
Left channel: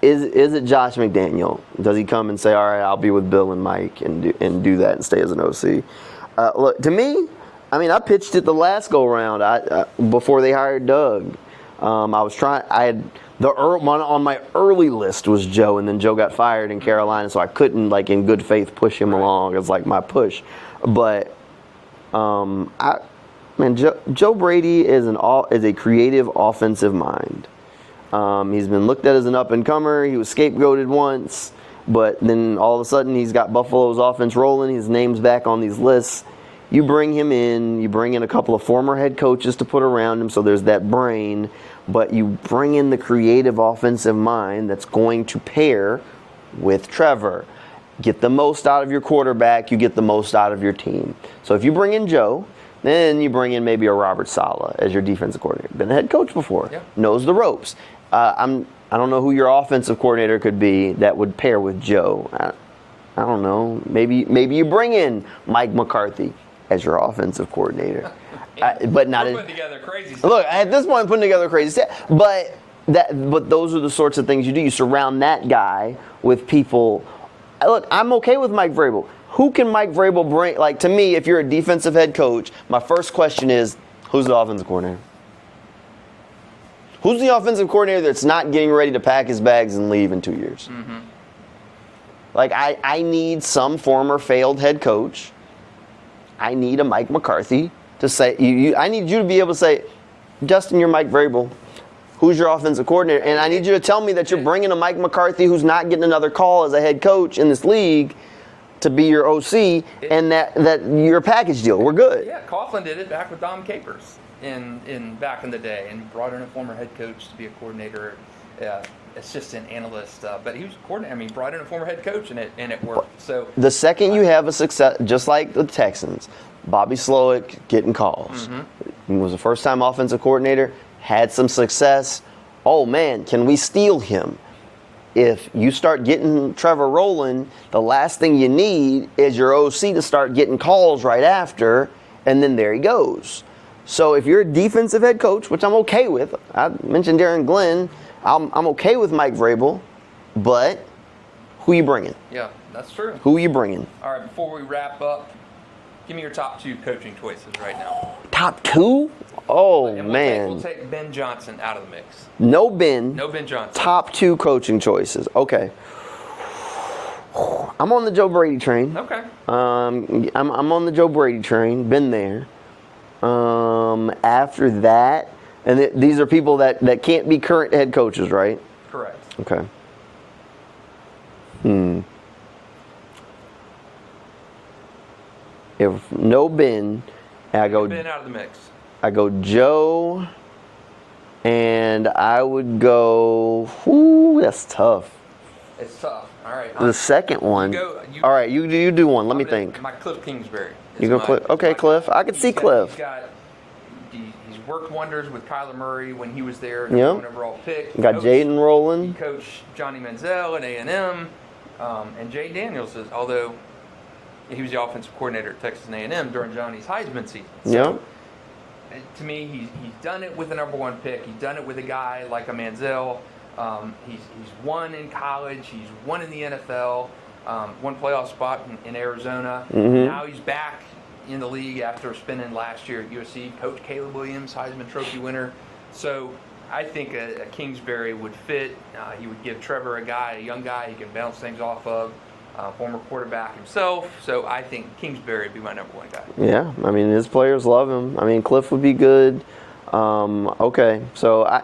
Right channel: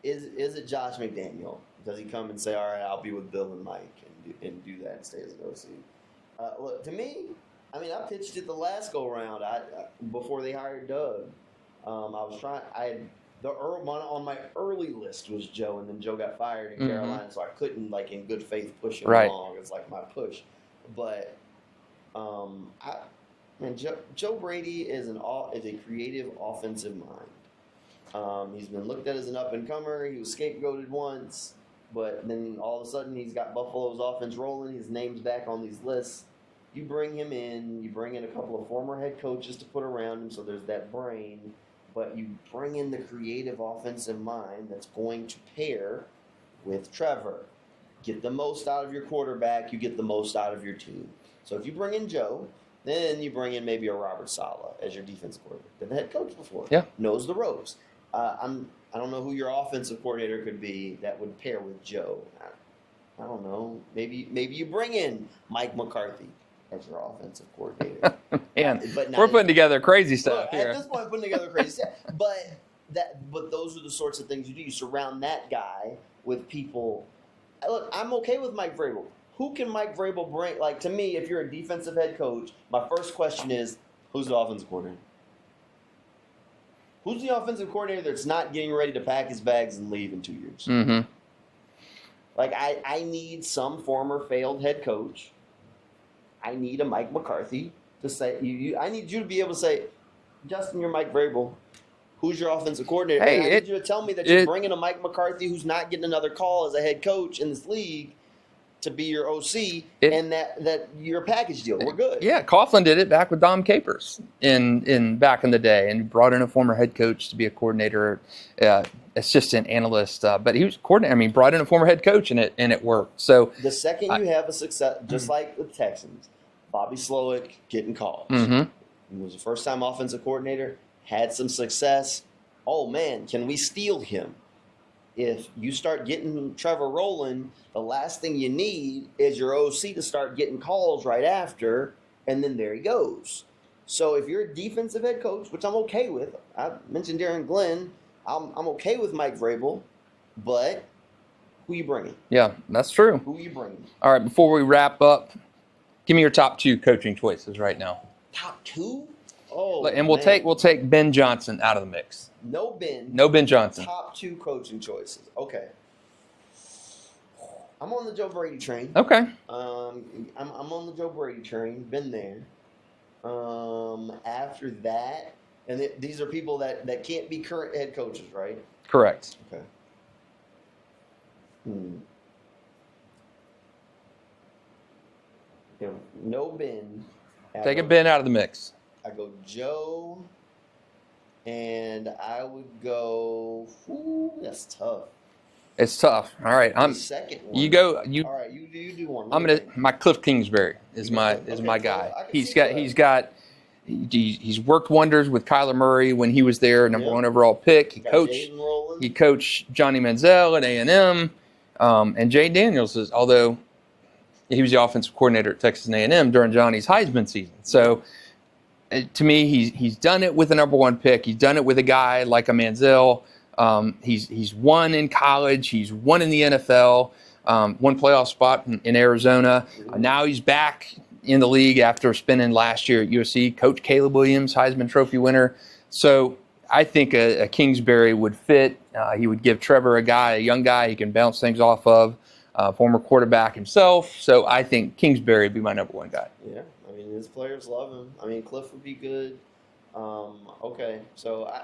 is it Josh McDaniel? Does he come and say, all right, I'll be with Bill and Mike and do that and stay as an OC? Look, to me, I mean, I pitched it the last go around before they hired Doug. I had one on my early list was Joe, and then Joe got fired in Carolina, so I couldn't, like, in good faith, push him along as like my push. But Joe Brady is a creative offensive mind. He's been looked at as an up and comer. He was scapegoated once, but then all of a sudden he's got Buffalo's offense rolling. His name's back on these lists. You bring him in. You bring in a couple of former head coaches to put around him, so there's that brain. But you bring in the creative offensive mind that's going to pair with Trevor. Get the most out of your quarterback. You get the most out of your team. So if you bring in Joe, then you bring in maybe a Robert Saleh as your defensive coordinator. Been a head coach before. Yeah. Knows the ropes. I don't know who your offensive coordinator could be that would pair with Joe. I don't know. Maybe you bring in Mike McCarthy as your offensive coordinator. But we're putting together crazy stuff. Look, at this point, I'm putting together crazy stuff. But those are the sorts of things you do. You surround that guy with people. Look, I'm okay with Mike Vrabel. Who can Mike Vrabel bring? Like, to me, if you're a defensive head coach, my first question is, who's the offensive coordinator? Who's the offensive coordinator that's not getting ready to pack his bags and leave in 2 years? Mm-hmm. Like, I need some former failed head coach. I need a Mike McCarthy to say, I need you to be able to say, Justin, you're Mike Vrabel. Who's your offensive coordinator? And I need you to tell me that you're bringing a Mike McCarthy who's not getting another call as a head coach in this league to be your OC, and that you're a package deal. We're good. Yeah, Coughlin did it back with Dom Capers in back in the day, and brought in a former head coach to be a coordinator, assistant analyst. But he was coordinator. I mean, brought in a former head coach, and it worked. So the second you have a success, just like the Texans, Bobby Slowick getting calls. Mm-hmm. He was a first-time offensive coordinator, had some success. Oh man, can we steal him? If you start getting Trevor rolling, the last thing you need is your OC to start getting calls right after, and then there he goes. So if you're a defensive head coach, which I'm okay with, I mentioned Darren Glenn, I'm okay with Mike Vrabel, but who you bringing? Yeah, that's true. Who are you bringing? All right, before we wrap up, give me your top 2 coaching choices right now. Top 2? Oh, and man. we'll take Ben Johnson out of the mix. No Ben Johnson. Top 2 coaching choices. Okay. I'm on the Joe Brady train. Okay. I'm on the Joe Brady train. Been there. After that, and these are people that can't be current head coaches, right? Correct. Okay. If no Ben, Take Ben out of the mix. I go Joe, and I would go. Whoo, that's tough. It's tough. All right. The second one. All right, you do one. Let me think. My Cliff Kingsbury. Cliff. Okay, Cliff. Guy. I can see Cliff. He's worked wonders with Kyler Murray when he was there, number 1 overall pick. He got Jaden rolling. He coached Johnny Manziel at A&M, and Jay Daniels although he was the offensive coordinator at Texas A&M during Johnny's Heisman season. So. To me, he's done it with the number 1 pick. He's done it with a guy like a Manziel. He's won in college. He's won in the NFL. one playoff spot in Arizona. Now he's back in the league after spending last year at USC. Coach Caleb Williams, Heisman Trophy winner. So I think a Kingsbury would fit. He would give Trevor a young guy he can bounce things off of. Former quarterback himself. So I think Kingsbury would be my number one guy. Yeah, I mean, his players love him. I mean, Cliff would be good. Okay, so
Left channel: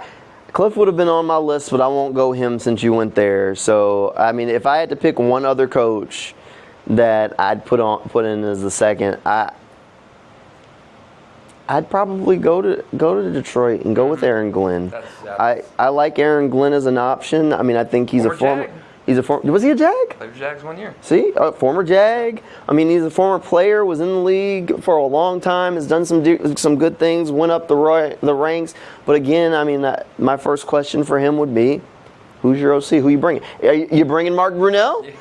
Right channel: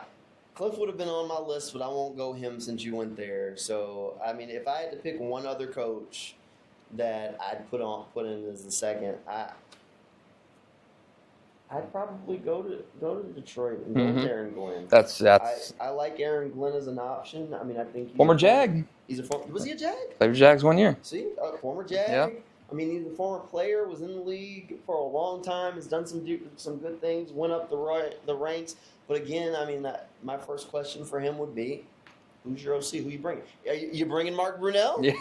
Cliff would have been on my list, but I won't go him since you went there. So, I mean, if I had to pick one other coach that I'd put in as the second, I'd probably go to Detroit and go with Aaron Glenn. That's I like Aaron Glenn as an option. I mean, I think he's former a former Jag. Was he a Jag? Played for Jags 1 year. See, former Jag. Yeah. I mean, he's a former player, was in the league for a long time, has done some good things, went up the ranks. But again, I mean, my first question for him would be, who's your OC? Who you bringing? You bringing Mark Brunell? Yeah.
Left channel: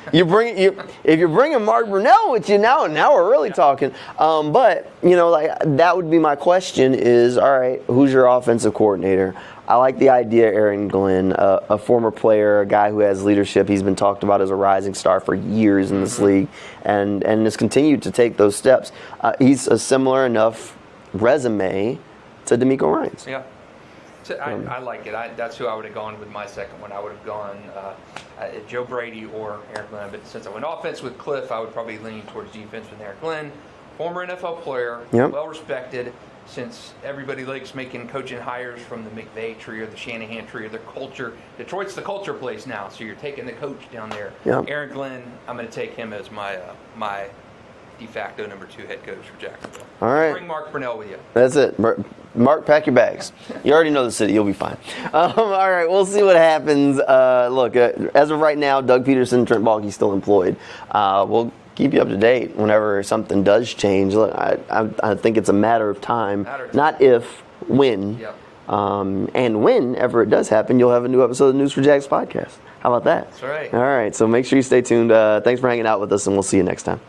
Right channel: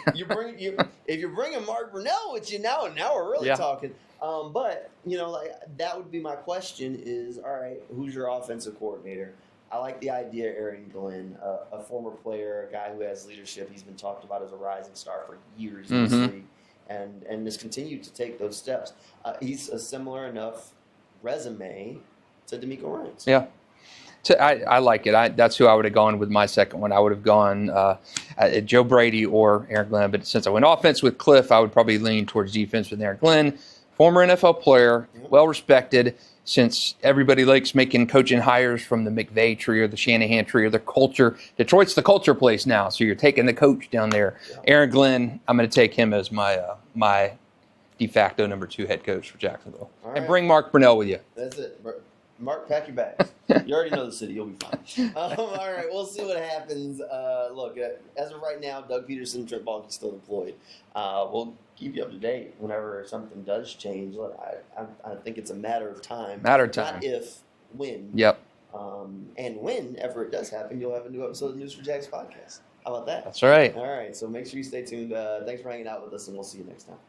If you're bringing Mark Brunell with you now we're really talking. But like that would be my question: is all right? Who's your offensive coordinator? I like the idea, Aaron Glenn, a former player, a guy who has leadership. He's been talked about as a rising star for years in this league, and has continued to take those steps. He's a similar enough resume to DeMeco Ryans. Yeah. So I like it. That's who I would have gone with my second one. I would have gone Joe Brady or Aaron Glenn. But since I went offense with Cliff, I would probably lean towards defense with Aaron Glenn. Former NFL player, well respected. Since everybody likes making coaching hires from the McVay tree or the Shanahan tree or the culture. Detroit's the culture place now, so you're taking the coach down there. Yep. Aaron Glenn, I'm going to take him as my de facto number 2 head coach for Jacksonville. All right. And bring Mark Brunell with you. That's it. Mark, pack your bags. You already know the city. You'll be fine. All right, we'll see what happens. Look, as of right now, Doug Pederson, Trent Baalke still employed. We'll keep you up to date whenever something does change. Look, I think it's a matter of time. Not if, when. Yep. And whenever it does happen, you'll have a new episode of the News4JAGs podcast. How about that? That's right. All right, so make sure you stay tuned. Thanks for hanging out with us, and we'll see you next time.